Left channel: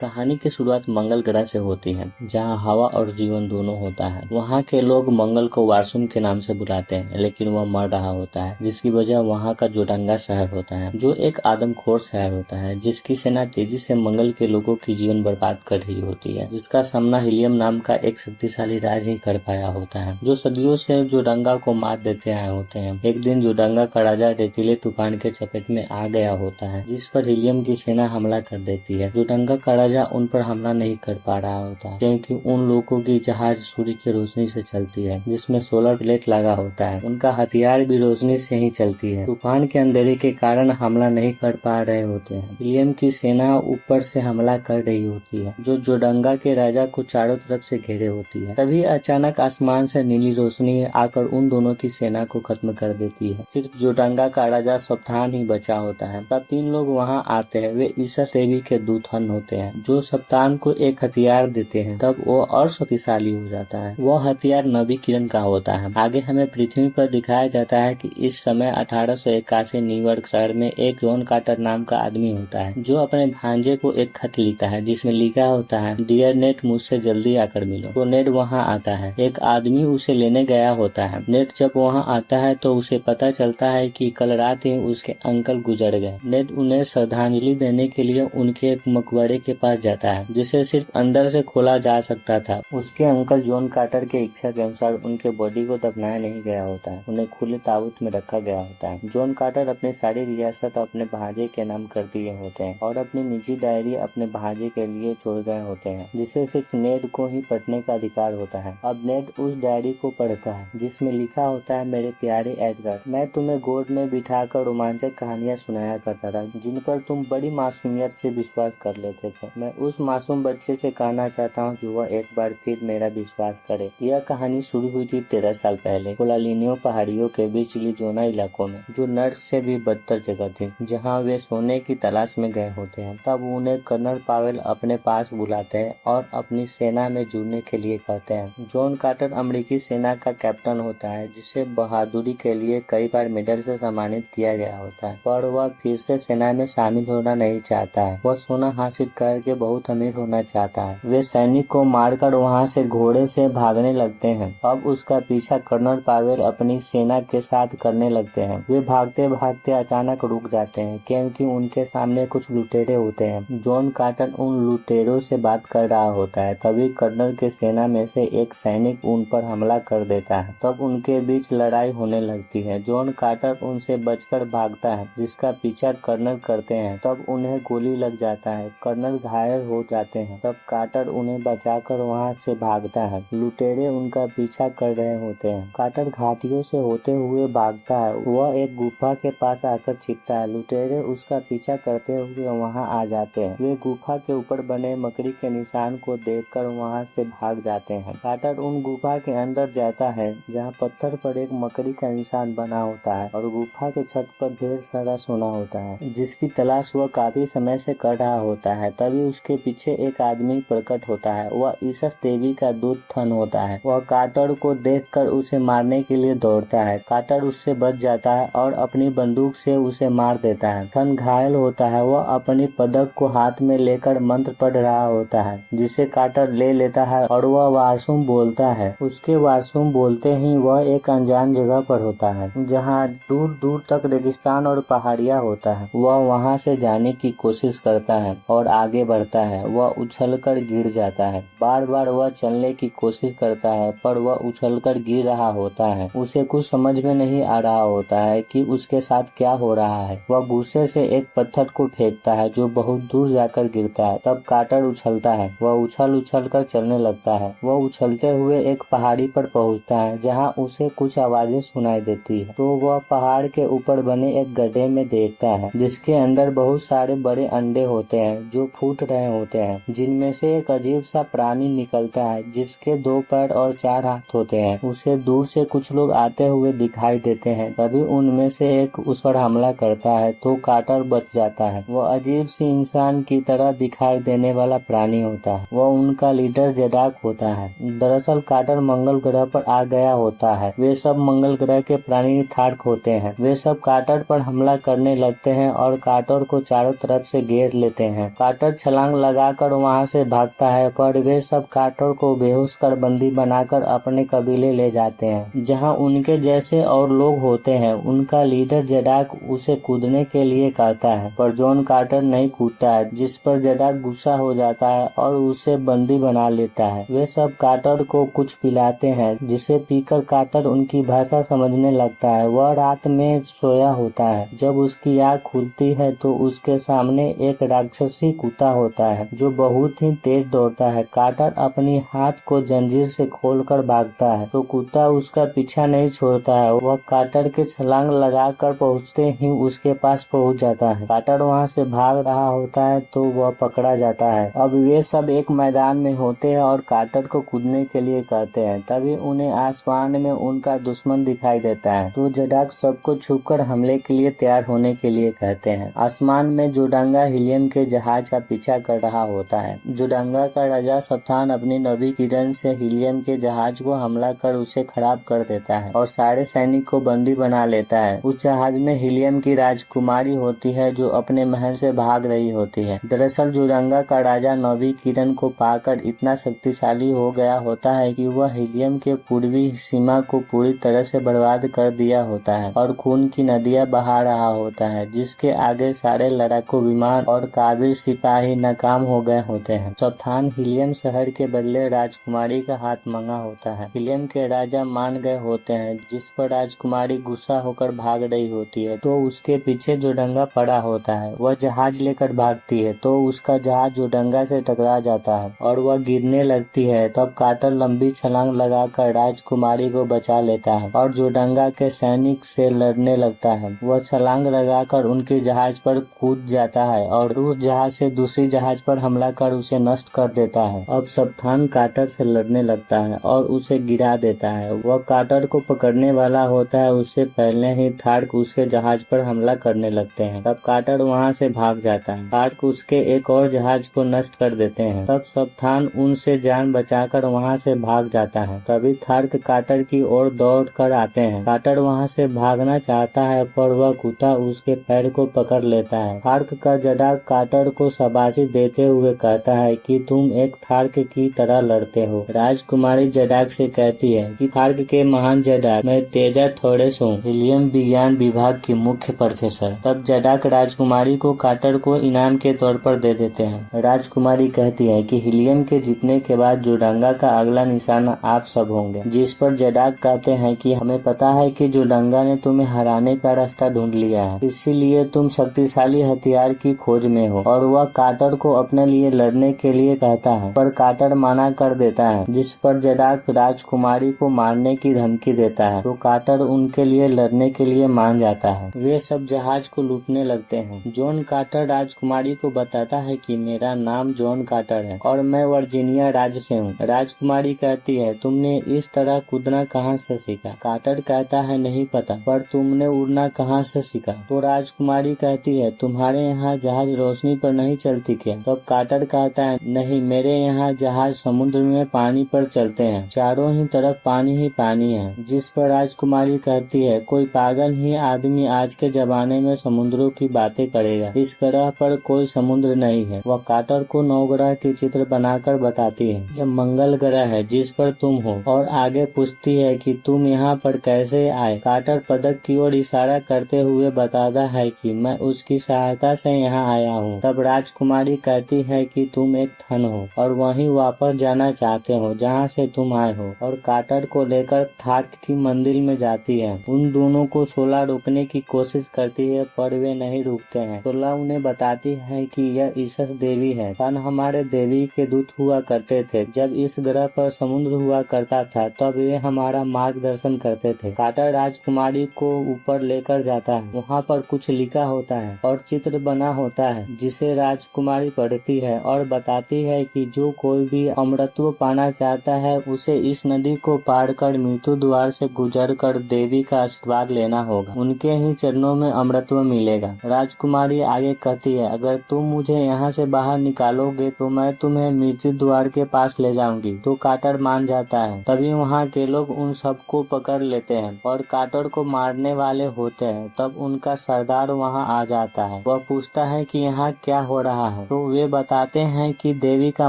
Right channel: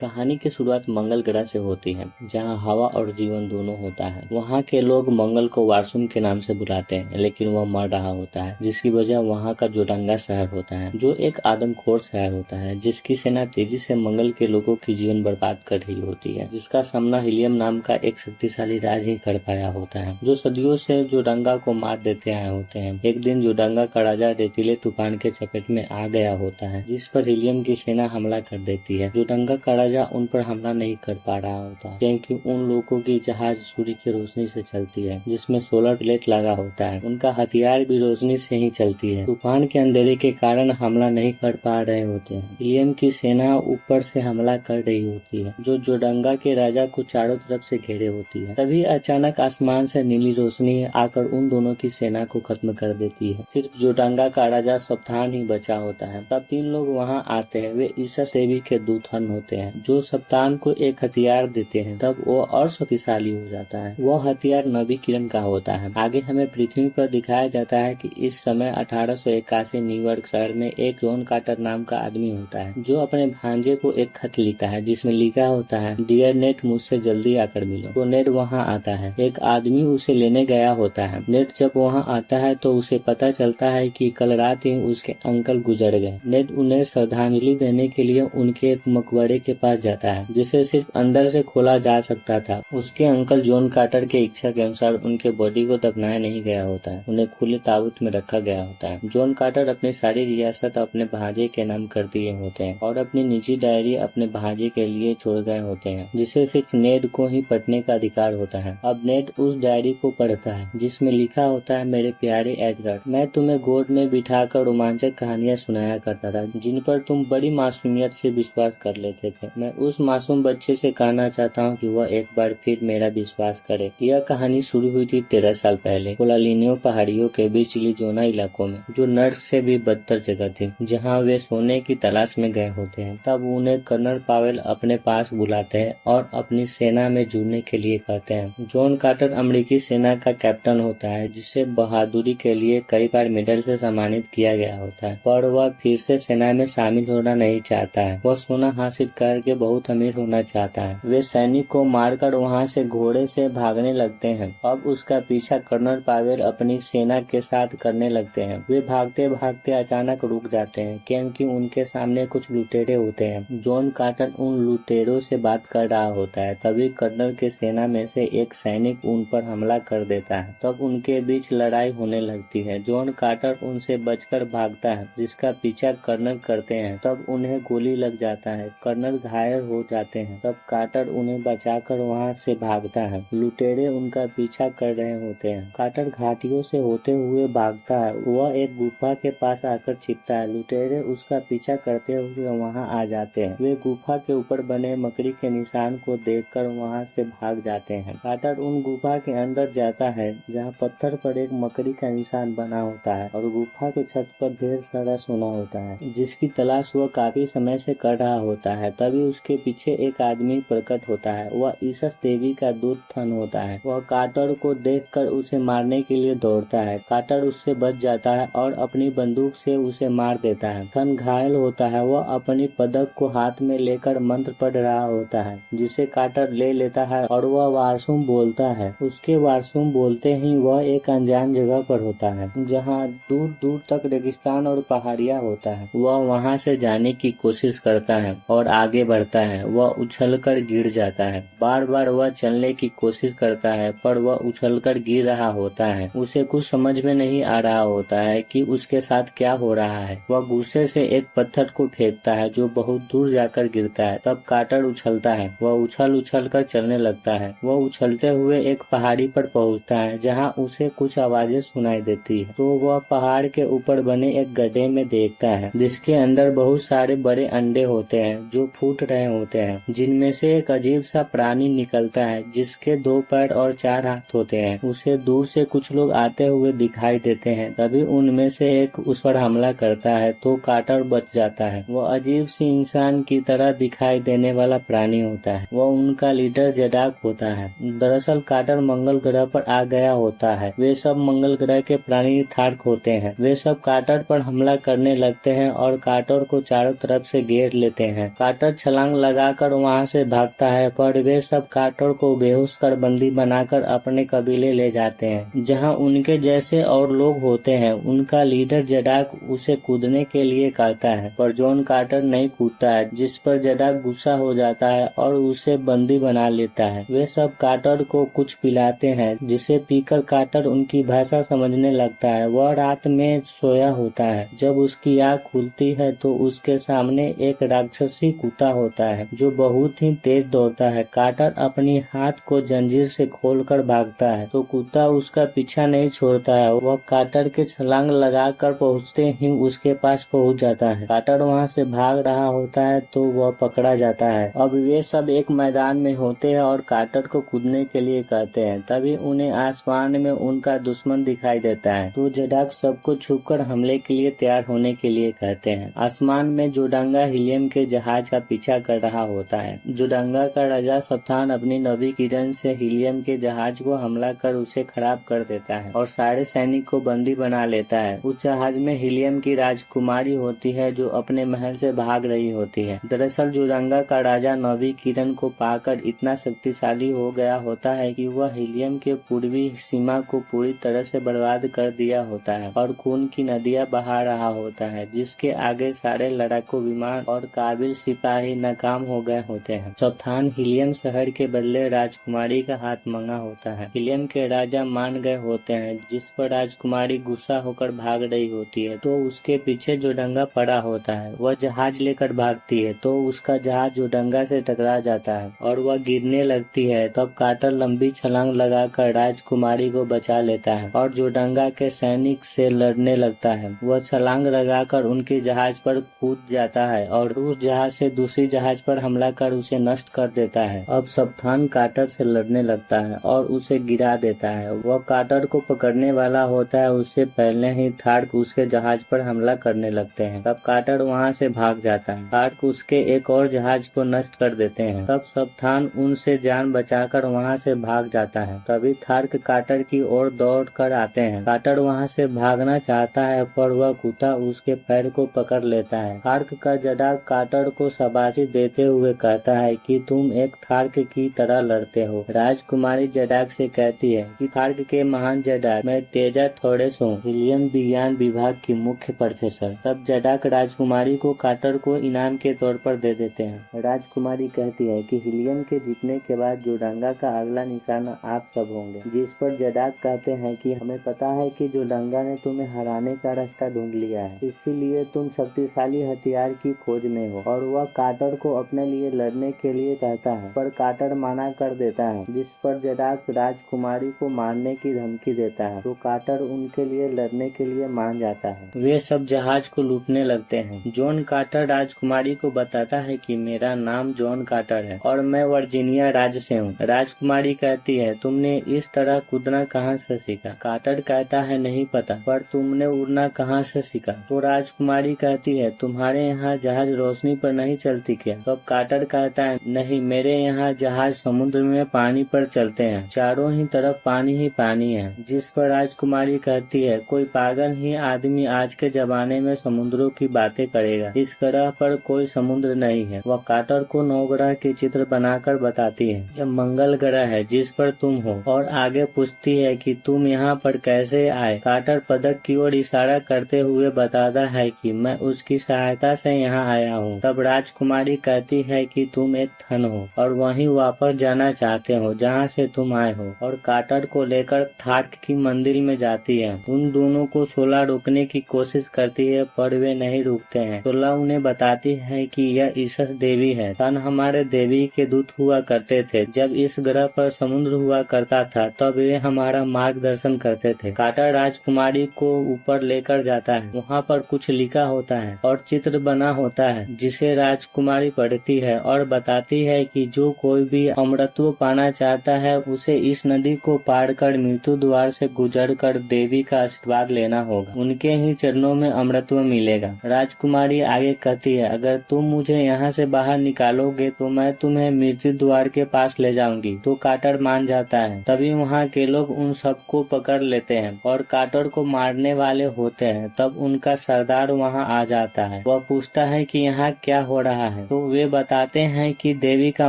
कहानी की शुरुआत मंगल ग्रह से होती है, जहां हवा और जीवन दोनों होता है। वहां के लोग मंगल को वार्सुम के नाम से बुलाते हैं, लेकिन वह मर रहा होता है, जिसकी वजह वहां का जोडंगा शहर होता है, जो एक आदमखोर शहर होता है, जिसकी सेना तेजी से मंगल के लोगों की जीवन बर्बाद कर रही होती है, जिसका सामना हीलियम नाम का एक शक्तिशाली राज ही कर पाया होता है, जो सदियों से जोडंगा को मार देते आए होते हैं। एक दिन जोडंगा का राजा रेतीले तूफान के चपेट में आ गया होता है, जिस पर हीलियम की सेना हमला कर देती है। जोडंगा का राजा उन पर हमला नहीं कर पा रहा होता, क्योंकि उन लोगों की जहाज सूर्य की रोशनी से चलती है, जिसमें सोलर प्लेट लगा होता है। उनका हथियार भी रोशनी से ही चलती है। तूफान के अंधेरे के कारण हमला नहीं कर पा रहे होते हैं। हीलियम की सेना ऊपर से हमला कर रही होती है, जो जोडंगा के राजा को चारों तरफ से घेरे होती है। तभी अचानक आसमान से नीली रोशनी आकर उन दोनों की सेना को खत्म कर देती है। सिर्फ जोडंगा का राजा सप्तान ही बचा होता है। तब तीन लोग वहाँ आते हैं। वे ईसस देवी के दूत हन होते हैं, जो सप्तान को एक हथियार देते हैं। तब वो और शक्तिशाली हो जाता है। वह हथियार नबी किरण का होता है। आगे हमें पृथ्वी पर दिखाया जाता है कि इस समय 1881 न्यूयॉर्क शहर में एक जॉन कार्टर नाम का आदमी होता है, जो अपने भांजे को एक खत लिखता है, जिसमें लिखा होता है, डियर नेट, मुझसे जल्दी आकर मिलो। तो नेट वहाँ आता है। एक आदमी उसे लेने गया होता है। नेट जब वहाँ आता है तो उसे पता चलता है कि कल रात ही उसके अंकल गुजर गए। नेट उन्हें श्रद्धांजलि देने के लिए उनके एक मकबरे के पास जाता है, जिसे सिर्फ अंदर से खोला जा सकता था। उसके अंकल जॉन कार्टर के इच्छा के अनुसार उनके बॉडी को दफनाया नहीं गया होता है, उन्हें खुले ताबूत में रखा गया होता है। जॉन कार्टर अपनी सारी रियासत अपने भांजे के नाम कर दिए होते हैं और अपनी निजी डायरी अपने भांजे के लिए छोड़ गए होते हैं, जिसे सिर्फ नेड को ही पढ़ने का अधिकार होता है। अब नेड उस डायरी को पढ़ता है, जिसमें लिखा होता है, मेरे प्यारे एडगर, मैं तुम्हें गोद में बिठाकर रोमांचक कहानियां सुनाया करता था, जिन पर तुम बड़ी मासूमियत से विश्वास कर लेते थे। मैं उस मासूम बच्चे से कहना चाहता हूँ कि वह एक बार फिर मेरा विश्वास करे। यह कहानी शुरू हुई थी 13 साल पहले, कोलालिनियो पहाड़ियों के बीच लिजोना इलाकों में, जो नर्क से भी बदतर जगह थी, जहाँ वे सोने की तलाश में गए होते हैं। तब उन्हें कर्नल पावेल अपने पास बुलाते हैं और अपनी सेना में जुड़ने के लिए कहते हैं। जॉन कार्टर अमेरिकी सेना का कैप्टन होता है, जिसे बहादुरी के लिए कई बार मेडल से सम्मानित किया गया होता है, पर वह फिर से सेना में शामिल होना नहीं चाहता है। वह सोना हासिल करके बहुत अमीर होना चाहता है। वे सैनिक को मारकर वहां से घोड़े से भागने लगते हैं। अब उसका पीछा कर्नल पावेल अपनी सेना के साथ करने लगते हैं। वे भागते भागते अचानक रुक जाते हैं, क्योंकि उनके सामने कुछ लुटेरे होते हैं। जॉन कार्टर उन लुटेरों से बात कर रहा होता है। तभी कर्नल के सेना में से एक सैनिक उन पर हमला कर देता है। तब उनके बीच लड़ाई होने लगती है। जॉन कार्टर उनसे बचकर भागता है, जिसका पीछा कर्नल करते हैं। तब उन्हें गोली लग जाता है। कर्नल घायल हो जाते हैं। तब कार्टर उन्हें बचाकर वहां से भागता है। लुटेरे उनका पीछा कर रहे होते हैं। कार्टर घाटियों से होते हुए भागता है। वह एक गुफा के पास आकर छिपता है। लुटेरे उसका पीछा करते हुए वहां आ जाते हैं। वे गुफा के ऊपर बने मकड़ी के निशान को देखकर वहां से भाग जाते हैं। कार्टर उन गुफा के अंदर जाता है, जहां पत्थर पर एक मकड़ी का निशान बना होता है और गुफा के छत पर ढेर सारा सोना होता है, जिसकी तलाश वह काफी समय से कर रहा होता है। तभी उसके पीछे एक आदमी प्रकट होता है। वह ईसस देवी का दूत थन होता है। वह कार्टर को देखकर उसे मारने के लिए दौड़ता है। कार्टर उससे बच जाता है और अपनी बंदूक से उसे मार देता है। थन घायल होता है। वह अपनी पदक को हाथ में लेकर मंत्र पढ़ रहा होता है, जिसे कार्टर ले लेता है और वह वार्सुम बोलता है। उसके वार्सुम बोलते ही वह एक अनजान जगह पर होता है, जहाँ दूर दूर तक रेगिस्तान और पहाड़ियाँ होता है। वह वहां से जाने की कोशिश करता है और आगे बढ़ता है। वह उछलकर गिर जाता है। बार बार वह चलने की कोशिश करता है, पर वह उछलकर गिर रहा होता है। उसे कुछ समझ में नहीं आ रहा होता है कि उसके साथ क्या हो रहा है। वह गुस्से से एक पत्थर को फेंकता है, जो बहुत दूर जाकर गिरता है। तब कार्टर उछलता है। वह उछल उछल कर चलने लगता है। वह उछलते हुए एक पहाड़ी पर पहुंचता है, जहां उसे कुछ आवाजें सुनाई देती है। तो वह पहाड़ के ऊपर बने एक गड्ढे में देखता है, जिसके अंदर बहुत सारे बड़े अंडे होते हैं, जो फूट रहे होते हैं, जिनमें से एक अजीब सा प्राणी निकलता है, जिसके 2 पैर और 4 हाथ होते हैं। उसे दूर से कुछ लोग आते हुए दिखाई देते हैं। तभी उनमें से एक उस पर हमला करता है, तो कार्टर बच जाता है। वह अजीब सी इंसान की तरह दिखाई देने वाला प्राणी होता है। वह उनका लीडर जडाक होता है। दरअसल कार्टर मंगल ग्रह पर आ गया होता है। वे सब मंगल ग्रह के प्राणी थार्क होते हैं। वे सब कार्टर पर हमला करने लगते हैं और कार्टर को चारों तरफ से घेर लेते हैं। कार्टर छलांग लगाकर वहां से भागता है, पर वे सब काटर को बेहोश कर बंदी बनाकर अपने कबीले ले जाते हैं, जहां उनके जैसे और लोग होते हैं। उनका लीडर जडाक उसे कूदने के लिए कहता है, पर जॉन कार्टर नहीं कूदता है, जिस पर जडाक गुस्सा हो जाता है और उसे बंदी बना लेता है। वे सब कार्टर को कुछ पिलाते हैं, जिसे पीकर कार्टर उनकी भाषा समझने लगता है। वह रात में सोया होता है। जब उसकी आँख खुलती है तो उसके सामने एक राक्षसी कुत्ता होता है, जो बहुत ही तेज दौड़ता है। कार्टर अपनी हाथ को जंजीर से खोलकर भागता है, तो कुत्ता उसका पीछा नहीं छोड़ता है। वह कार्टर के छलांग लगाकर पहुंचते ही उसके पास पहुंच जाता है। कार्टर वहां से भाग रहा होता है तो वह पकड़ा जाता है। अब वे सब एक मैदान में होते हैं और कार्टर को कूदने के लिए कहते हैं। तभी उन्हें आसमान में उनका दुश्मन दिखाई देता है, तो जडाक सबको छुपकर हमले के लिए तैयार होने के लिए कहते हैं। आसमान में जोडंगा हीलियम के जहाज का पीछा कर रहा होता है। जोडंगा का राजा सप्तान अपनी नवी किरण से हीलियम के जहाज को हमला कर उसे खराब कर देता है और सारे सैनिक को बंदी बना लेता है। उस जहाज में हीलियम की राजकुमारी होती है, जो अपने महल से भाग रही होती है। दरअसल जोडंगा का राजा नवी किरण को पाकर इतना शक्तिशाली हो गया होता है कि वह हीलियम के पूर्वी सीमा को पूरी तरह से बर्बाद कर दिया होता है और खून की नदियां बहा रहा होता है, जिसके आगे सारे लड़ाकू विमान और काबिल सिपाही नाकाम हो गए होते हैं। सप्तान हीलियम शहर के बदले राजकुमारी का हाथ मांगा होता है। हीलियम के राजा मान गए होते हैं, जिस पर राजकुमारी गुस्सा होकर भाग रही होती है, तो उसके पीछे जोडंगा पड़ा होता है। वह जहाज लेकर भागती है तो उसका जहाज जोडंगा से टकरा जाता है और वह गिरने लगती है। तब कार्टर लंबी छलांग लगाकर राजकुमारी को बचा लेता है और जोडंगा के सैनिक से लड़ने लगता है। वह छलांग लगाकर उनके जहाज पर कूद जाता है और उस जहाज से दूसरी जहाज पर हमला कर उसे नष्ट कर देता है। अब सप्तान कार्टर से लड़ने लगता है और उसे गिरा देता है। वह कार्टर को पकड़ने वाला होता है, उससे पहले ही थार्क उसके जहाज पर हमला करने लगते हैं। तब कार्टर वहां से भाग जाता है। थार्क उसके एक और जहाज को नष्ट कर देते हैं। तब सप्तान उनसे जान बचाकर वहां से भाग जाता है। तभी थार्क कार्टर की ओर दौड़ कर आते हैं। कार्टर वहां से भागना चाहता है, पर वह कुत्ता उसके पैर को पकड़ लेता है। थार्क का जडाक कार्टर को शाबाशी देते हुए कहता है कि तुम एक थार्क की तरह लड़ते हो। राजकुमारी जडाक से कहती है कि थार्क के महान जडाक, मैं तेजा थोड़ेस हूँ, हीलियम विज्ञान विभाग की मुख्य प्रोफेसर। तब जडाक राजकुमारी को कार्टर को इनाम के तौर पर दे देते हैं। राजकुमारी कहती है कि हीलियम के जीतने के बाद जोडंगा का अगला निशाना आप सब होंगे, जिस पर जडाक कहते हैं कि हमें पता है कि जोडंगा ने तुम्हें हराने का रास्ता ढूंढ लिया है, इसीलिए तुम शक्तिशाली हथियार की खोज में हो। और वह कार्टर को अपने लिए लड़ने के लिए कहता है, पर कार्टर मना कर देता है, जिस पर जडाक राजकुमारी को मारने की धमकी देता है, तो कार्टर उनके लिए लड़ने के लिए मान जाता है। वे सब जहाज को लूटने लगते हैं। जॉन कार्टर राजकुमारी को बताता है कि मेरा नाम जॉन कार्टर है और मैं वर्जीनिया राज्य से हूँ। राजकुमारी कहती है, तुमने इस तरह कूदना कहाँ से सीखा? कार्टर कहता है, नहीं पता, पर तुमने उड़ना कहाँ से सीखा? तो राजकुमारी कहती है, तुम्हारे यहाँ जहाज रोशनी पर नहीं चलती क्या? तो कार्टर कहता है, नहीं, मेरे यहाँ जहाज समुद्र में पानी पर चलते हैं, चारों ही तरफ पानी ही पानी है। जिस पर राजकुमारी कहती है, कोई पागल ही आदमी आज के जमाने में समुद्रों की बातें करेगा, इस ग्रह पर कोई समुद्र नहीं है। वह कार्टर को नवग्रह के चित्र बनाकर बताती है, यह मंगल ग्रह है जिस पर तुम हो, और आगे पूछती है कि तुम यहाँ पर कैसे आए। कार्टर पदक की ओर इशारा करते हुए बताता है कि मैं उसकी सहायता से यहाँ आया हूँ। तब राजकुमारी कहती है कि तुम एक थन हो और वहीं वापस जाना चाहते हो जहाँ से तुम आए हो, और कार्टर को लेकर थार्क की मंदिर में जाती है। उन दोनों को सोला रोकने की कोशिश करती है, पर वे नहीं रुकते हैं। सोला उन्हें बताती है कि यह ईसस देवी है। थन हमारे देवी के दूत हुआ करते थे। जब इस ग्रह पर समुद्र हुआ करता था तब वे हमारा मार्गदर्शन करते थे। कार्टर राजकुमारी को ऊपर लेकर जाता है। वहाँ पर कुछ लिखा होता है और चित्र बना होता है, जिसे राजकुमारी पढ़ती है और बताती है कि जो कोई भी अमृतत्व पाना चाहता है उसे इस नदी को पार कर मृत्यु द्वार से गुजर कर देवी का आशीर्वाद लेना होगा। उनके ही चरणों में अमृतत्व मिलेगा। राजकुमारी आगे कहती है, अगर तुम मुझे यहाँ से बाहर निकालोगे तो मैं तुम्हें मृत्यु द्वार के पास ले जाऊंगी। तो कार्टर मान जाता है। तभी वहाँ के लोग उन सबको पकड़ लेते हैं और कार्टर को मारने वाले होते हैं। तब उनका सरदार वहाँ आ जाता है। वह पूछता है कि यहाँ क्या हो रहा है। है तो वे बताते हैं कि देवी का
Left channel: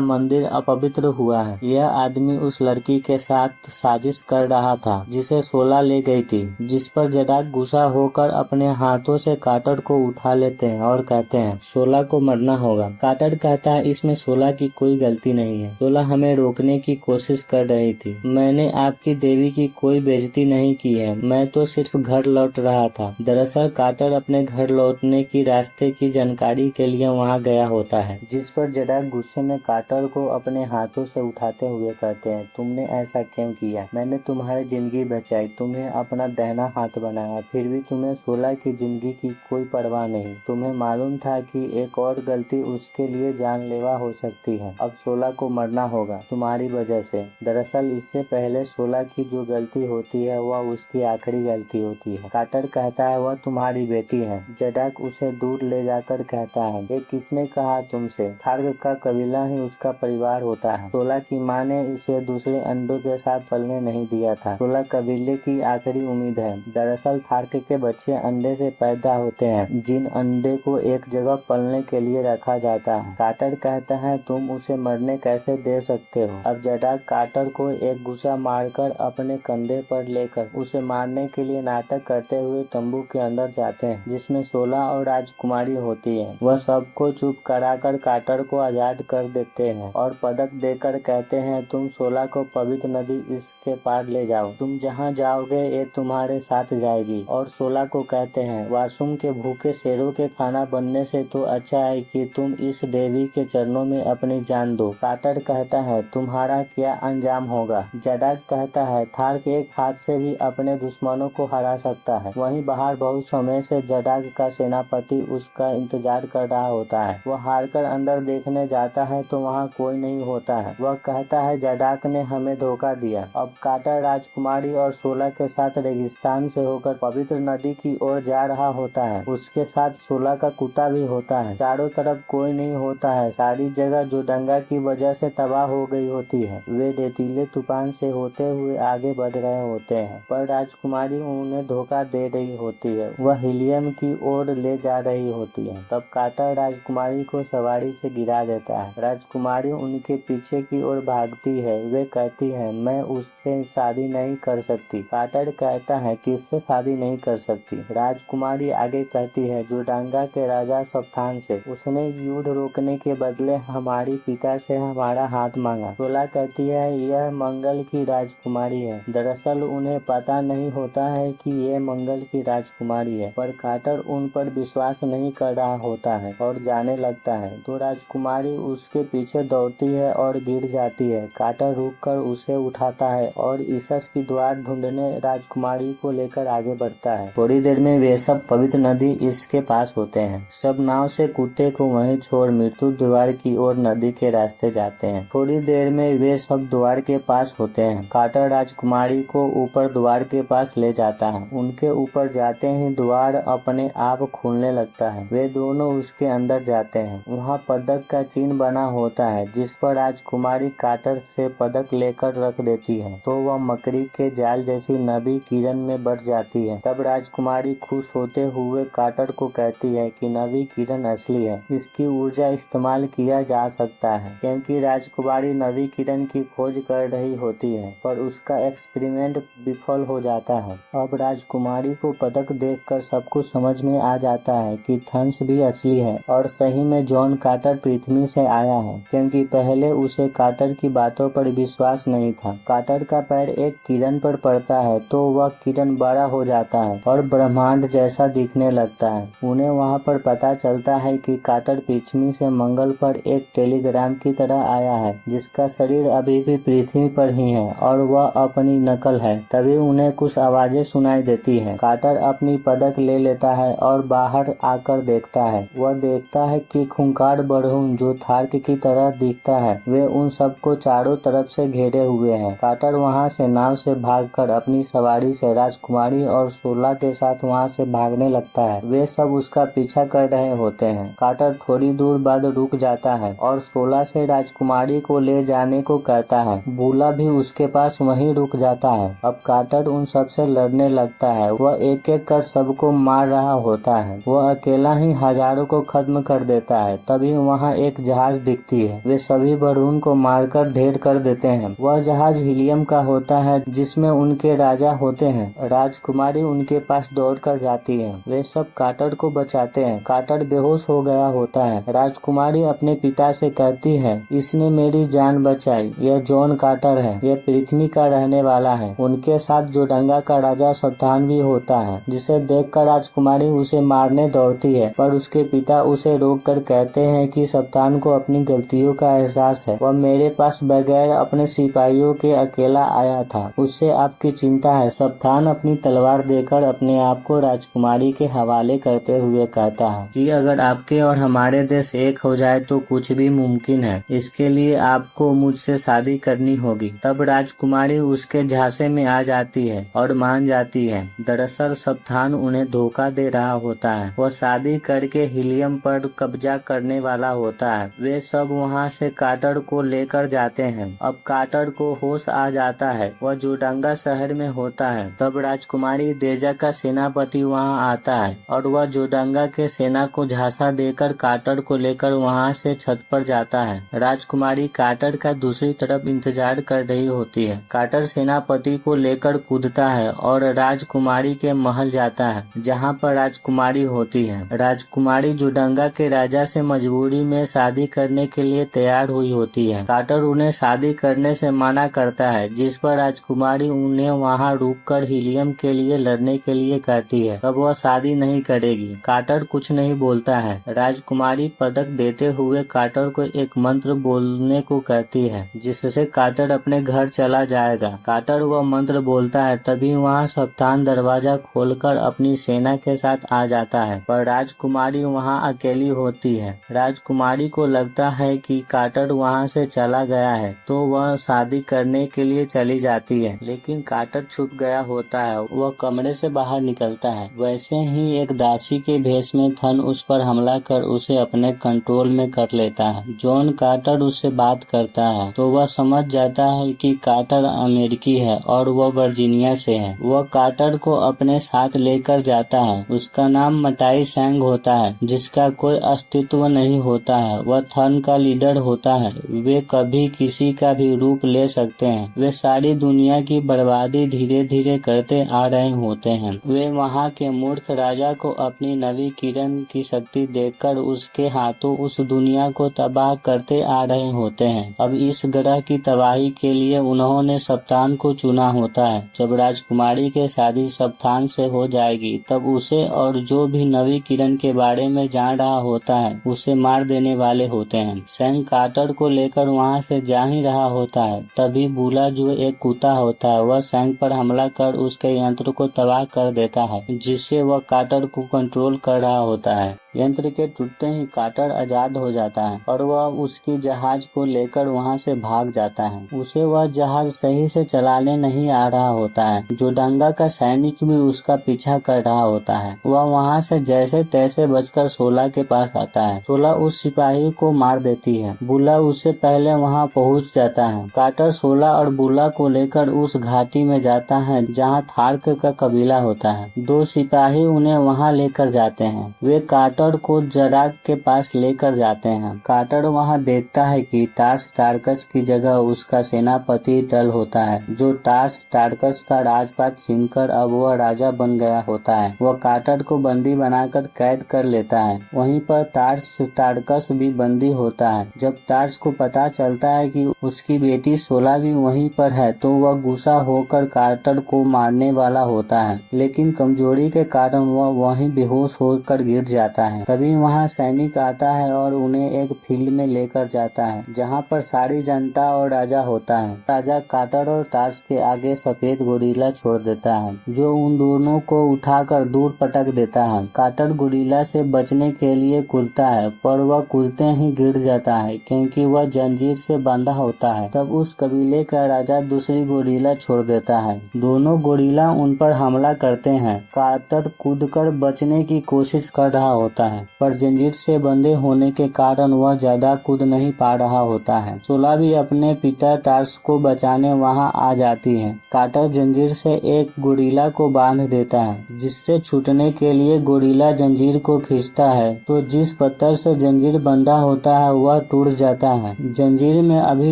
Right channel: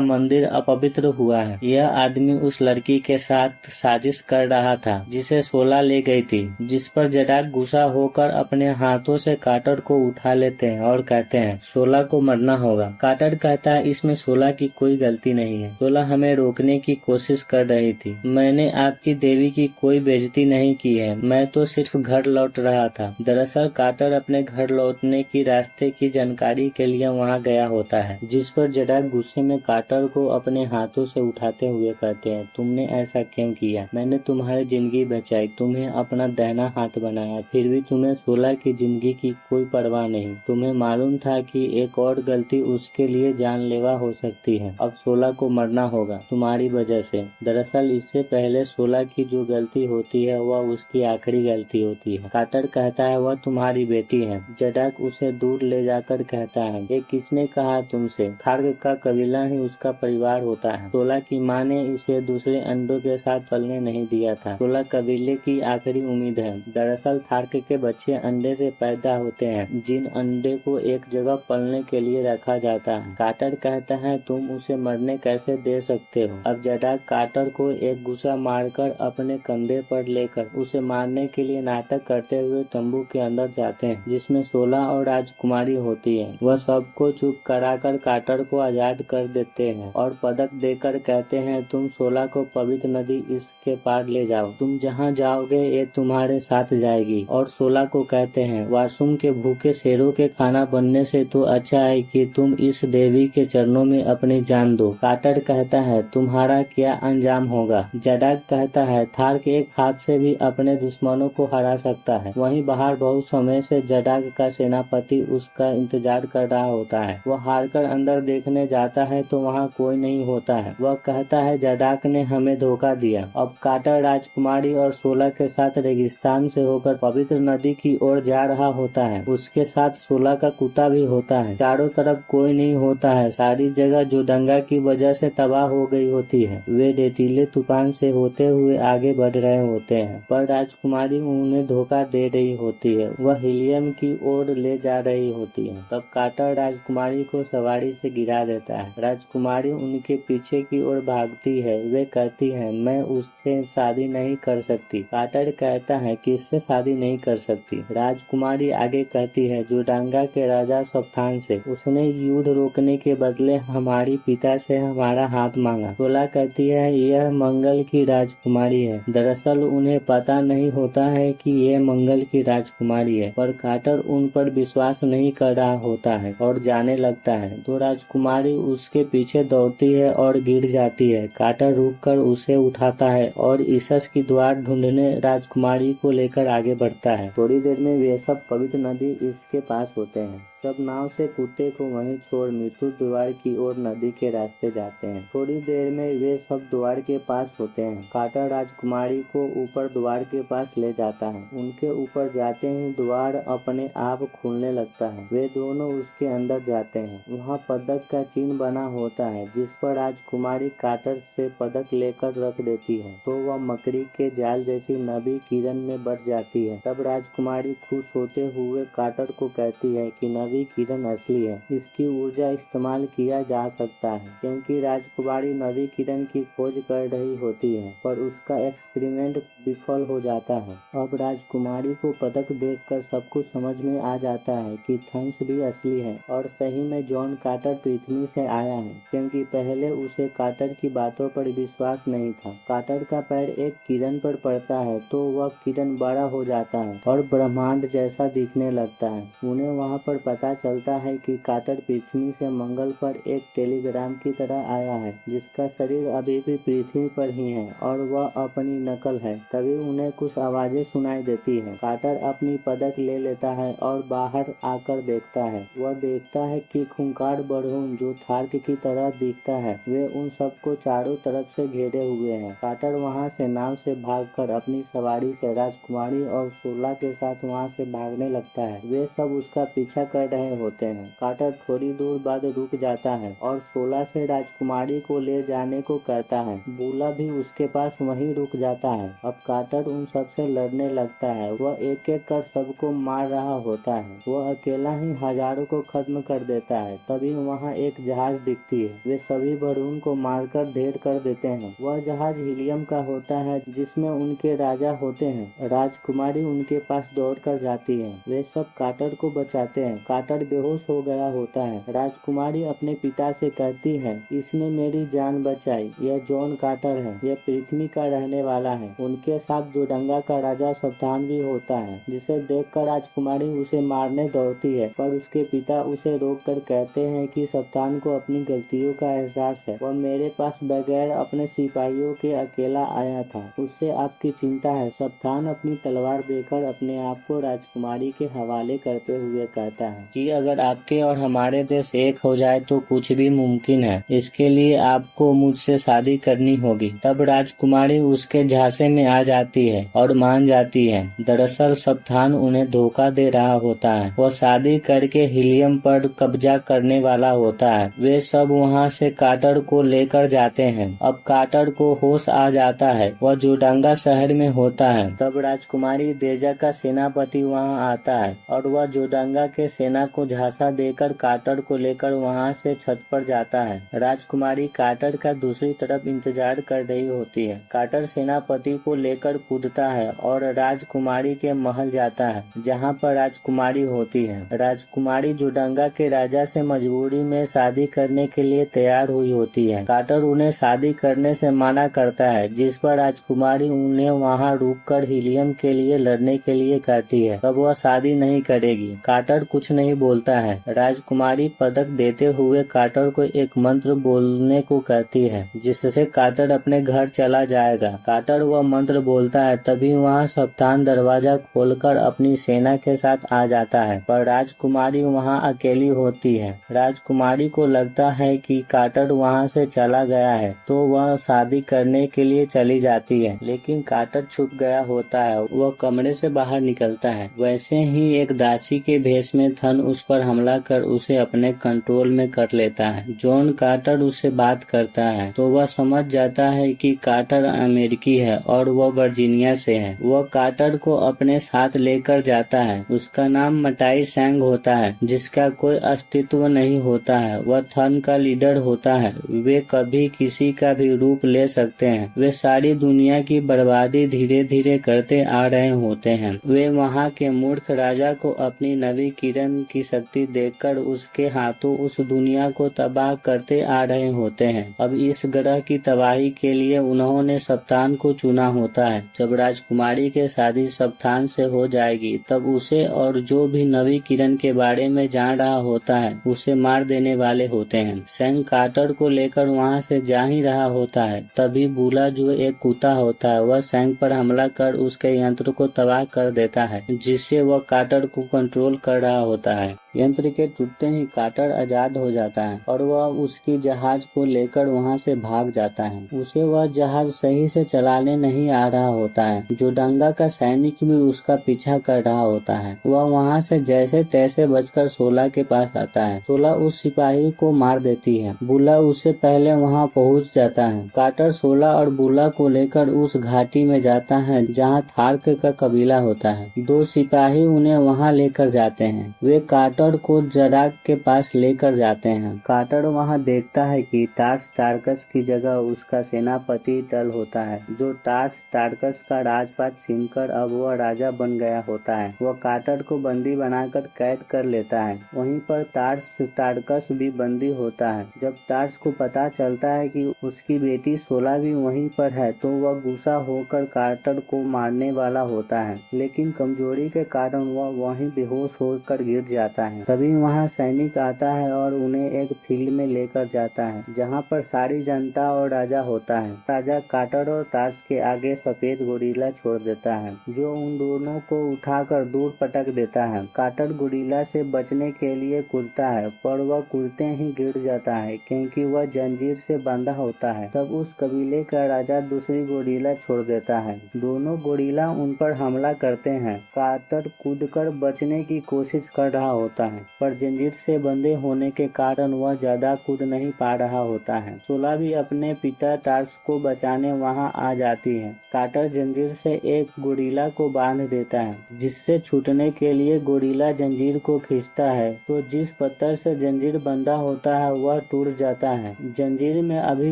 मंदिर अपवित्र हुआ है। यह आदमी उस लड़की के साथ साजिश कर रहा था जिसे शोला ले गई थी, जिस पर जटाक गुस्सा होकर अपने हाथों से काटर को उठा लेते हैं और कहते हैं शोला को मरना होगा। काटर कहता है इसमें शोला की कोई गलती नहीं है, शोला हमें रोकने की कोशिश कर रही थी। मैंने आपकी देवी की कोई बेइज्जती नहीं की है, मैं तो सिर्फ घर लौट रहा था। दरअसल काटर अपने घर लौटने की रास्ते की जानकारी के लिए वहाँ गया होता है, जिस पर जटाक गुस्से में काटर को अपने हाथों से उठाते हुए कहते हैं तुमने ऐसा क्यों किया? मैंने तुम्हारी जिंदगी बचाई, तुम्हें अपना दाहिना हाथ बनाया, फिर भी तुम्हें शोला की जिंदगी की कोई परवाह नहीं। तुम्हें मालूम था कि एक और गलती उसके लिए जानलेवा हो सकती है। अब शोला को मरना होगा तुम्हारी वजह से। दरअसल इससे पहले शोला की जो गलती होती है वह उसकी आखिरी गलती होती है। काटर कहता है वह तुम्हारी बेटी है। जटाक उसे दूर ले जाकर कहता है ये किसने कहा तुमसे? थार्ग का कबीला ही उसका परिवार होता है। शोला की माँ ने इसे दूसरे अंडों के साथ पलने नहीं दिया था। शोला कबीले की आखिरी उम्मीद है। दरअसल थार्ग के बच्चे अंडे से पैदा होते हैं, जिन अंडे को एक जगह पलने के लिए रखा जाता है। काटर कहता है तुम उसे मरने कैसे दे सकते हो? अब जटाक काटर को एक गुस्सा मारकर अपने कंधे पर लेकर उसे मारने के लिए नाटक करते हुए तंबू के अंदर जाते हैं, जिसमें शोला और राजकुमारी होती है। वह सबको चुप कराकर काटर को आजाद कर देते हैं और पदक देकर कहते हैं तुम शोला को पवित्र नदी इसके पार ले जाओ, तुम जहाँ जाओगे ये तुम्हारे साथ जाएगी। और शोला को कहते हैं वाशुम के भूखे शेरों के खाना बनने से तो अच्छा है कि तुम इस देवी के चरणों में अपनी जान दो। काटर कहता है तुम्हारा क्या अंजाम होगा? जटाक कहता है थार्ग एक हाथ से भी अपने दुश्मनों को हरा सकता है। वहीं बाहर बहुत समय से जटाक का सेनापति उसका इंतजार कर रहा होता है। वह हारकर अंदर देखने जाता है तो वहाँ कोई नहीं होता है। वह कहता है जटाक ने हमें धोखा दिया। अब काटर राजकुमारी और शोला के साथ रेगिस्तान से होकर पवित्र नदी की ओर जा रहा होता है। उसके साथ शोला का कुत्ता भी होता है। चारों तरफ कोई नहीं होता है। सारी जगह जो दंगा की वजह से तबाह हो गई होती है। वे रेतीले तूफान से होते हुए आगे बढ़ रहे होते हैं, पर राजकुमारी उन्हें धोखा दे रही होती है। वह हिलियम की ओर ले जा रही होती है। तब काटर राजकुमारी को सवारी से गिरा देता है। राजकुमारी उनके पीछे की ओर भागती है। वे कहती है मैं उससे शादी नहीं कर सकती। काटर कहता है किससे शादी नहीं कर सकती? राजकुमारी आगे कहती है जोडांगा के राजा सप्तान से। उसने युद्ध रोकने के बदले हमारी पिता से हमारा हाथ मांगा। शोला कहती है यह मंगल की राजकुमारी है। दरअसल उन्हें पता नहीं होता है कि ये मंगल की राजकुमारी है, पर काटर उन पर विश्वास नहीं कर रहा होता है और जाने लगता है। तो राजकुमारी उसके पीछे दौड़ती है और गिर जाती है। काटर रुककर उसे उठाता है और ईसस की द्वार ढूंढने राजकुमारी को लेकर आगे बढ़ता है। थोड़ी देर में वे सब पवित्र नदी इसके पास होते हैं। सब नाव से कुत्ते को वहीं छोड़ मृत्यु द्वार की ओर नदी के रास्ते जाते हैं। थोड़ी देर में वे सब द्वार के पास होते हैं। काटर राजकुमारी को ऊपर द्वार के पास ले जाता है। उनके ऊपर जाते ही द्वार अपने आप खुलने लगता है। वे दोनों उसके अंदर जाते हैं। वहाँ पदक का चिन्ह बना होता है, जिस पर राजकुमारी काटर से पदक लेकर रख देती है तो वह मकड़ी के जाल जैसी नवी किरण में बढ़ जाती है। तब राजकुमारी खुश होते हुए काटर को कहती है कि नवी किरण असली है, इसकी ऊर्जा इस्तेमाल किया जा सकता है। क्योंकि राजकुमारी नवी किरण की खोज कर रही होती है, पर उसका एक्सपेरिमेंट विफल हो जाता है। अब राजकुमारी को पदक देखकर सब कुछ समझ में आ जाता है कि थंस भी असली है और सही में जॉन काटर पृथ्वी से आया है, क्योंकि पहले उसे काटर की बातों पर विश्वास नहीं था। काटर का पैर एक किरण पर पड़ता है तो वह किरण बड़ा हो जाता है और ब्रह्मांड जैसा दिखने लगता है। उन्हें वहाँ पर पता चलता है कि काटर पृथ्वी से मंगल पर एक टेलीग्राम की तरह आया है, जिसका शरीर अभी भी पृथ्वी पर ही है और वह अपनी नकल है। तभी उन्हें कुछ आवाजें सुनाई देती है। काटर अपनी पदक ले लेता है और बाहर आकर देखता है। वह देखता है कि खूंखार बरहून जो थार्ग की तरह दिखता है, वे उन सबको चारों तरफ से घेरे हुए हैं। काटर वहाँ से नाव से भागकर अपनी सवारी से राजकुमारी और शोला के साथ वहाँ से भागने लगता है। वे सब उसका पीछा कर रहे होते हैं। काटर थोड़ी दूर बाद रुक जाता है और शोला से राजकुमारी को ले जाने को कहता है। भूला भी उसके पास वहीं रुक जाता है। अब काटर उन सबसे लड़ने लगता है। वह एक एक कर सबको मार रहा होता है। वह अकेला ही हजारों को खत्म कर देता है। तभी वहाँ एक जहाज दिखती है। वे सभी बरून को मारकर ढेर कर देते हैं। वह जहाज हीलियम का होता है जिसमें उनके राजा होते हैं। राजकुमारी उनके पास दौड़कर जाती है। वे सब कार्टर को बचाते हैं। कार्टर बेहोश हो गया होता है। राजकुमारी अपने पिता से कहती है, इसने मेरी जान बचाई। यह जॉन कार्टर है। यह पृथ्वी का रहने वाला है। उनके साथ जोडंगा का राजा सप्तान भी होता है, जिसे देखकर राजकुमारी उसे मारने दौड़ती है, पर उसके पिता उसे रोककर कहते हैं कि सप्तान को अपनी गलतियों का एहसास है। वह मेरे पास बगैर अपने सिपाहियों के अकेला आया था। उससे आपकी चिंता है। सप्तान अपनी तलवार देकर अपने आप को राजकुमारी के हवाले करते हुए कहता है कि अगर आपके और हमारे देश एक हो जाए तो कुछ भी मुमकिन है। इसके लिए आपको मुझसे शादी करनी होगी। तब राजकुमारी उसके झांसे में आ जाती है और मान जाती है। दरअसल सप्तान उन्हें धोखा दे रहा होता है। वह शादी करके हीलियम पर कब्जा करने वाला होता है। वे सब वहां से कार्टर को लेकर जाते हैं। अब कार्टर को होश आ जाता है। वह जोडंगा शहर में होता है। तब राजकुमारी देजा का सेनापति वहां आता है और वह जोडंगा के सेना को झांसा देकर कार्टर को लेकर वहां से छत पर जाता है। राजकुमारी कार्टर का दूसरी तरफ इंतजार कर रही होती है। कार्टर सेनापति को लेकर कूदता है और राजकुमारी के महल जाता है, जहां पर राजकुमारी होती है। राजकुमारी जोडंगा के राजा से मजबूरी में शादी करने के लिए तैयार हुई होती है। कार्टर उन्हें शादी करने से मना करता है, जिस पर राजकुमारी उन्हें वहां रुककर हीलियम के लिए लड़ने के लिए कहती है। तब वह शादी नहीं करेगी। कार्टर कुछ नहीं बोलता है। राजकुमारी पदक देते हुए कार्टर को एक मंत्र बोलने को कहती है, जिससे कार्टर अपने घर चला जाएगा। कार्टर वह मंत्र बोलता है। तभी वहां सप्तान दरवाजा खोलकर अपनी सेना के साथ आ जाता है, पर राजकुमारी वहां अकेली होती है। राजकुमारी को लगता है कि कार्टर वहां से चला गया है, तो वह शादी करने के लिए चली जाती है, लेकिन कार्टर छुप गया होता है। वह कमरे से बाहर निकलता है। वैसे ही एक दासी के भेष में थन उस पर हमला कर उसे अपने कंट्रोल में कर लेता है। जॉन कार्टर उससे बात करता है तो वह समझ जाता है कि कार्टर अमेरिकी है और वह वर्जीनिया से है। वह कार्टर को अपने साथ लेकर जाता है। उसका नाम मटाई सैंग होता है, जिसका कोई अस्तित्व नहीं होता है। वह थन का लीडर होता है। वे कभी किसी का भी रूप ले सकते हैं। वे सारी दुनिया की बर्बादी धीरे धीरे करते आ रहे होते हैं। वे वहाँ के मूर्ख राजा को अपनी नवी किरण की शक्ति देकर उसके हाथों उस दुनिया को तबाह करते आ रहे होते हैं। अब इस ग्रह की तबाही के लिए उन्होंने सप्तान को चुना होता है। जब राजकुमारी के शादी सप्तान से हो जाएगी, तब उसे और जो भी नवी किरण के बारे में जान रहा होता है उसे मार देने वाले होते हैं। सैंग कार्टर को लेकर वहाँ से जा ही रहा होता है। तभी बुला, जो एक कुत्ता होता है, वह सैंग पर हमला कर उसके यंत्र को तबाह कर देता है, जिससे वह कार्टर को कंट्रोल कर रहा होता है। यंत्र के टूटते ही कार्टर आजाद हो जाता है और वह उसकी जहाज को लेकर वहां से भाग जाता है। उसे वह जहाज सही से चलाने नहीं आ रहा होता है। जोडंगा का सैनिक भी उसका पीछा कर रहा होता है। वह वहां से जैसे तैसे बचकर सोला के पास आता है। सोला उस सिपाही को मार देती है। बुला उससे पहले वहां पहुंच जाता है। कार्टर सोला और बुला को लेकर उस घाटी में जाता है जहां थार्क का कबीला होता है। दो सिपाही उन्हें वहां लेकर जाते हैं। वे कार्टर को जराग के पास लेकर जाते हैं। कार्टर वहां देखता है कि टार्स टार्कस की जगह उसका सेनापति टल होता है, जो टार्स टार्कस का राजपाट छीनकर अब वह राजा बन गया होता है। वह कार्टर को बंदी बनाकर कैद कर लेता है। वहीं पर टार्स टार्कस भी बंदी होता है। जब टार्स को पता चलता है कि उसकी बेटी सोला भी वहीं पर है, तो वह गुस्सा होकर कार्टर को मारने वाला होता है, लेकिन कमजोरी के कारण वह वहीं बेहोश होकर गिर जाता है। तभी वहां सैनिक आता है और उन्हें एक फील्ड में लेकर जाता है, जहां पर सारी जनता और राजा होता है। राजा कार्टर और टार्स के आगे सफेद गोरिल्ला छोड़ देता है, जो उन दोनों को उठाकर दूर पटक देता है। कार्टर गोरिल्ला से बचने के लिए कूदता है, पर वह कूदते ही गिर जाता है, क्योंकि वह जंजीर से बंधा होता है। तब उस कबीले का राजा दूसरी गोरिल्ला छोड़ देता है। दोनों गोरिल्ला उन पर हमला करते हैं। कार्टर कूदकर बचने की कोशिश कर रहा होता होता है, पर जंजीर से बंधे होने के कारण वह ज्यादा कूद नहीं पा रहा होता है। शोला भी अपने पिता टार्स को बचाने वहां आ जाती है। कार्टर जंजीर से एक गोरिल्ला को बांध देता है, जिससे छूटने के लिए गोरिल्ला जंजीर को खींचता है तो जिस पत्थर से जंजीर बंधा होता है वह टूट जाता है। जंजीर में अभी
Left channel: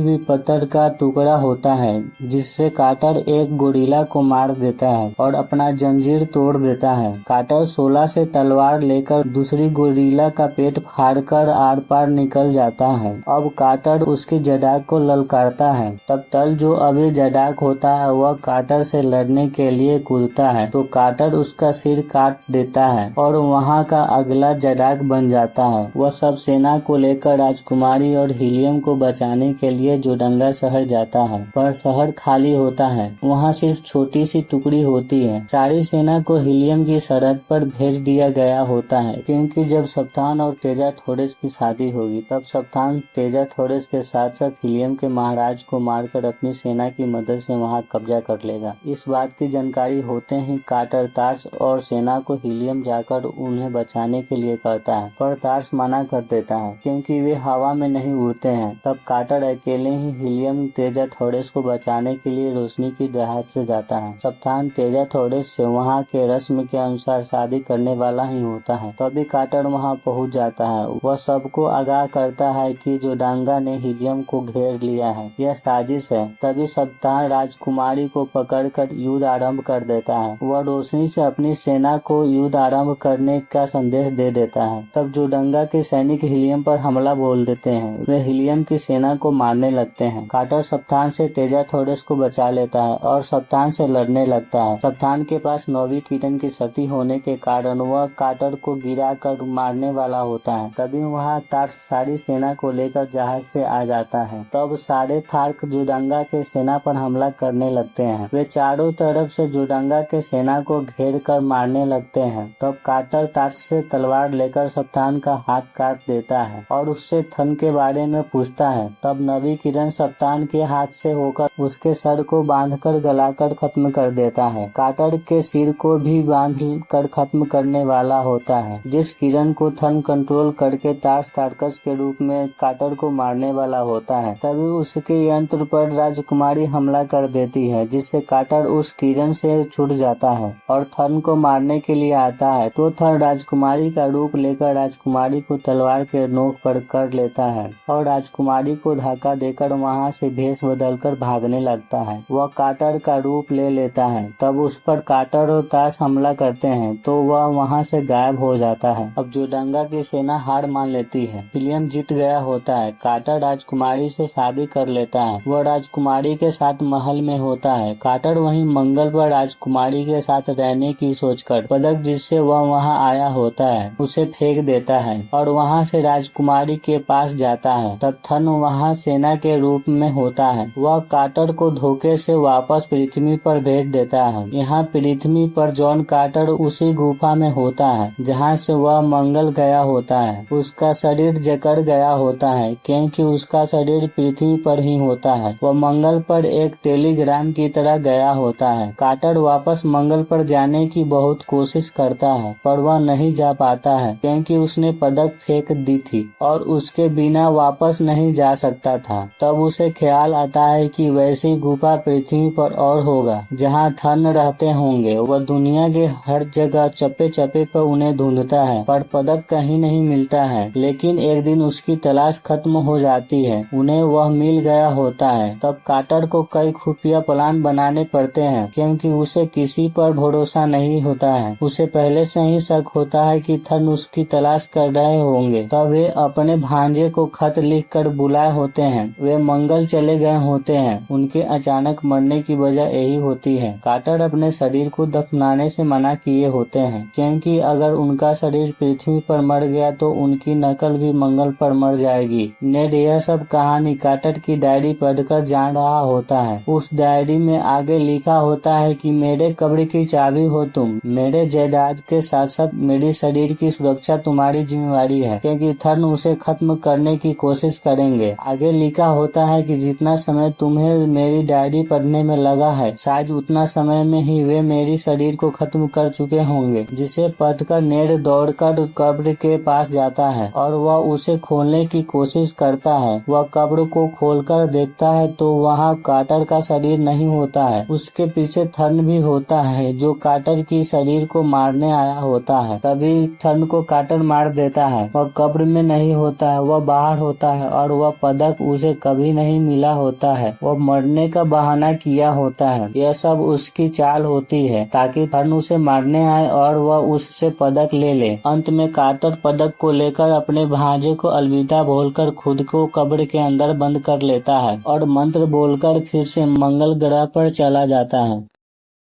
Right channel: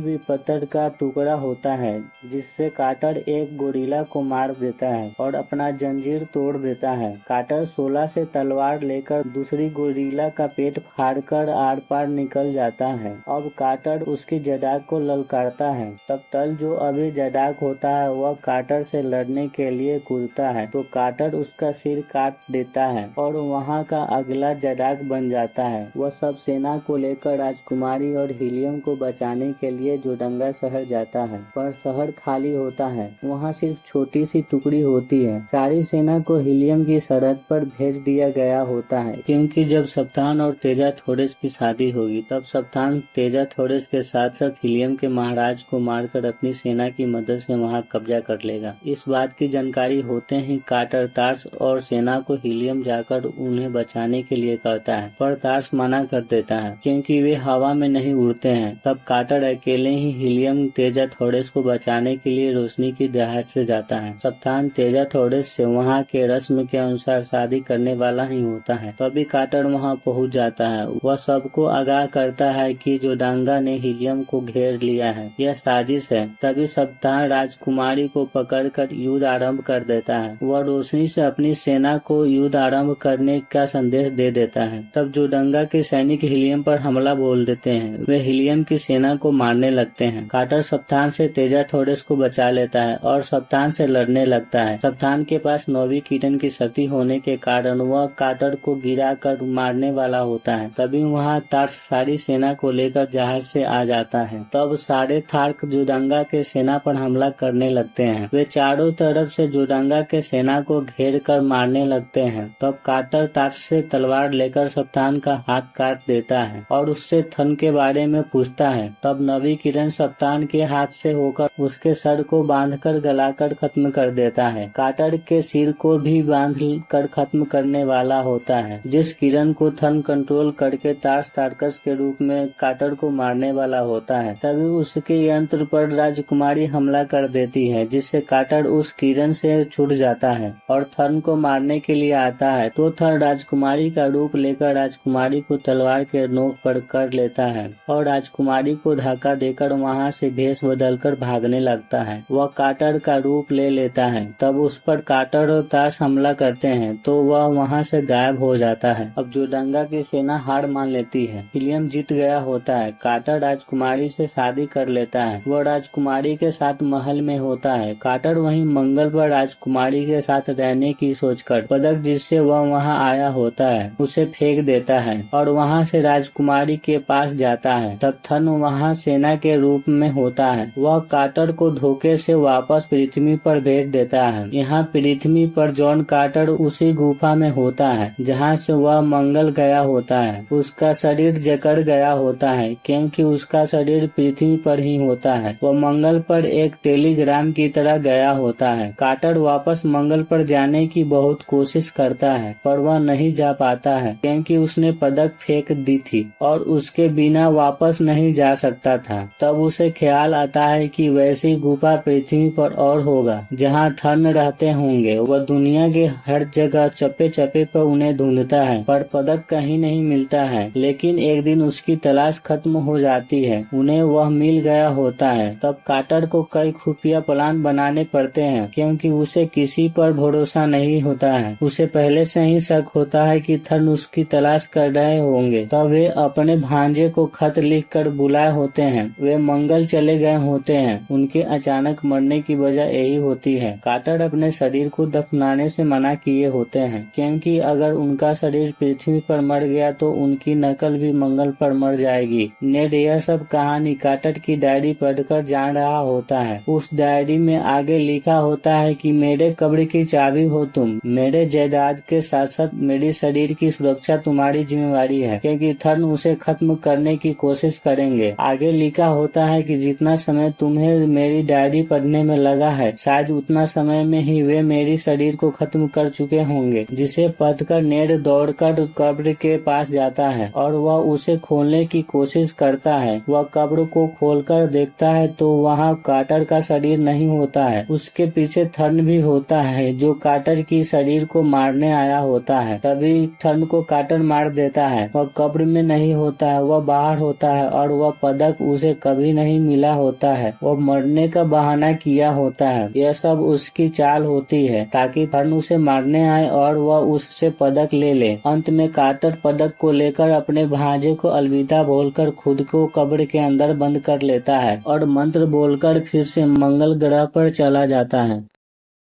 भी पत्थर का टुकड़ा होता है, जिससे कार्टर एक गोरिल्ला को मार देता है और अपना जंजीर तोड़ देता है। कार्टर शोला से तलवार लेकर दूसरी गोरिल्ला का पेट फाड़कर आर पार निकल जाता है। अब कार्टर उसकी जडाक को ललकारता है। तब तल जो अभी जडाक होता है वह कार्टर से लड़ने के लिए कूदता है तो कार्टर उसका सिर काट देता है और वहाँ का अगला जडाक बन जाता है। वह सब सेना को लेकर राजकुमारी और हीलियम को बचाने के लिए जोडंगा शहर जाता है, पर शहर खाली होता है। वहाँ सिर्फ छोटी सी टुकड़ी होती है। सारी सेना को हीलियम की सरहद पर भेज दिया गया होता है, क्योंकि जब सप्तान और तेजा थोरेस की शादी होगी तब सप्तान तेजा थोरेस के साथ साथ हीलियम के महाराज को मारकर अपनी सेना की मदद से वहाँ कब्जा कर लेगा। इस बात की जानकारी होते ही कार्टर टार्स और सेना को हीलियम जाकर उन्हें बचाने के लिए कहता है, पर टार्स मना कर देता है क्योंकि वे हवा में नहीं उड़ते हैं। तब कार्टर अकेले ही हीलियम तेजा थोरेस को बचाने के लिए रोशनी की दहाड़ से जाता है। सप्तान तेजा थोरेस से वहाँ के रस्म के अनुसार शादी करने वाला ही होता है। तभी कार्टर वहाँ पहुँच जाता है। वह सबको आगाह करता है कि जोडांगा ने हीलियम को घेर लिया है, यह साजिश है। तभी सप्तान राजकुमारी को पकड़कर युद्ध आरंभ कर देता है। वह रोशनी से अपनी सेना को युद्ध आरंभ करने का संदेश दे देता है। तब जोडांगा के सैनिक हीलियम पर हमला बोल देते हैं। वे हीलियम की सेना को मारने लगते हैं। कार्टर सप्तान से तेजा थोरेस को बचा लेता है और सप्तान से लड़ने लगता है। सप्तान के पास 9वीं किरण की शक्ति होने के कारण वह कार्टर को गिरा कर मारने वाला होता है। तभी वहाँ टार्स सारी सेना को लेकर जहाज से आ जाता है। तब सारे थार्क जोडांगा के सेना पर हमला करने लगते हैं। वे चारों तरफ से जोडांगा के सेना को घेर कर मारने लगते हैं। तब कार्टर टार्स से तलवार लेकर सप्तान का हाथ काट देता है और उससे थन के बारे में पूछता है। तब 9वीं किरण सप्तान के हाथ से होकर उसके सर को बांधकर गलाकर खत्म कर देता है। कार्टर के सिर को भी बांध कर खत्म करने वाला होता है। जिस किरण को थन कंट्रोल करके टार्स टार्कस के रूप में कार्टर को मारने वाला होता है, तभी उसके यंत्र पर राजकुमारी हमला कर देती है, जिससे कार्टर उस किरण से छूट जाता है और थन को मारने के लिए आता है। तो थन राजकुमारी का रूप लेकर राजकुमारी को तलवार के नोक पर कर लेता है और राजकुमारी को धक्का देकर वहाँ से भेष बदलकर भागने लगता है। वह कार्टर का रूप ले लेता है। तब उस पर कार्टर और टार्स हमला करते हैं तो वह वहाँ से गायब हो जाता है। अब जोडांगा की सेना हार मान लेती है। हीलियम जीत गया होता है। कार्टर राजकुमारी से शादी कर लेता है। वह राजकुमारी के साथ महल में होता है। कार्टर वहीं मंगल पर राजकुमारी के साथ रहने की सोचकर पदक जिससे वह वहाँ आया होता है उसे फेंक देता है और वहाँ से राजकुमारी के पास जाता है। तब थन वहाँ सेना के रूप में होता है। वह कार्टर को धोखे से वापस पृथ्वी पर भेज देता है। यहाँ पृथ्वी पर जॉन कार्टर उसी गुफा में होता है जहाँ से वह मंगल गया होता है। उसका शरीर जकड़ गया होता है क्योंकि उसका शरीर पृथ्वी पर ही होता है। वह मंगल पर एक टेलीग्राम की तरह गया होता है। कार्टर वापस मंगल पर जाने की बहुत कोशिश करता है पर वह नहीं जा पाता है क्योंकि उसने पदक फेंक दी थी और उसके बिना वापस नहीं जा सकता था। तब उसे ख्याल आता है कि वैसी गुफा पृथ्वी पर और होगा जहाँ थन रहते होंगे। वह दुनिया के हर जगह चप्पे चप्पे पर उन्हें ढूंढता है पर पदक कहीं नहीं मिलता है। लेकिन एक दिन उसकी तलाश खत्म हो जाती है। उन्हें वह मिल गया होता है। तब कार्टर को कई खुफिया प्लान बनाने पड़ते हैं क्योंकि उसे किसी पर भरोसा नहीं होता है। उसे पहले से ही शक होता है कि थन उसकी तलाश कर रहे होंगे। तब वे अपने भांजे को खत लिख कर बुलाए होते हैं। वे मंगल चले गए होते हैं। उनके अचानक मरने की वजह यही होती है। कार्टर अपने शरीर को दफनाने से मना किए होते हैं क्योंकि अगर उनका शरीर पृथ्वी पर मर गया तो उनकी नकल भी मंगल पर मर जाएगी। नेड यह सब कहानी कार्टर की डायरी पढ़कर जान रहा होता है। उस डायरी में आगे लिखा होता है कि मेरे कब्र की चाबी हो तुम। मेरे जायदाद के साथ साथ मेरे शरीर की सुरक्षा तुम्हारी जिम्मेवारी है क्योंकि थन उसे खत्म करने की कोशिश करेंगे। आगे लिखा होता है कि जितना समय तुम्हें मेरी डायरी पढ़ने में लगा है शायद उतना समय में ही वे मेरी शरीर को खत्म कर चुके होंगे। जिसे पढ़कर नेड दौड़ पकड़कर कब्र के पास जाता है और वह उसे खोलने की कोशिश करता है। वह कब्र को खोलकर देखता है तो वहाँ कार्टर का शरीर नहीं होता है। उसके पीछे थर्न भी होता है जो कार्टर की शरीर को मारने आया होता है। तभी थर्न को कार्टर मार देता है। वह कब्र में नहीं होता है, वह बाहर होता है और वह पदक उसे कभी नहीं मिला होता है। वह मरने का बहाना किया होता है। यह सब उसकी चाल होती है ताकि थर्न उसे मारने आए और वह उससे पदक ले ले। अंत में कार्टर पदक को लेकर अपने भांजे को अलविदा बोलकर खुद को कब्र के अंदर बंद कर लेता है और मंत्र बोलकर फिर से मंगल ग्रह पर चला जाता है।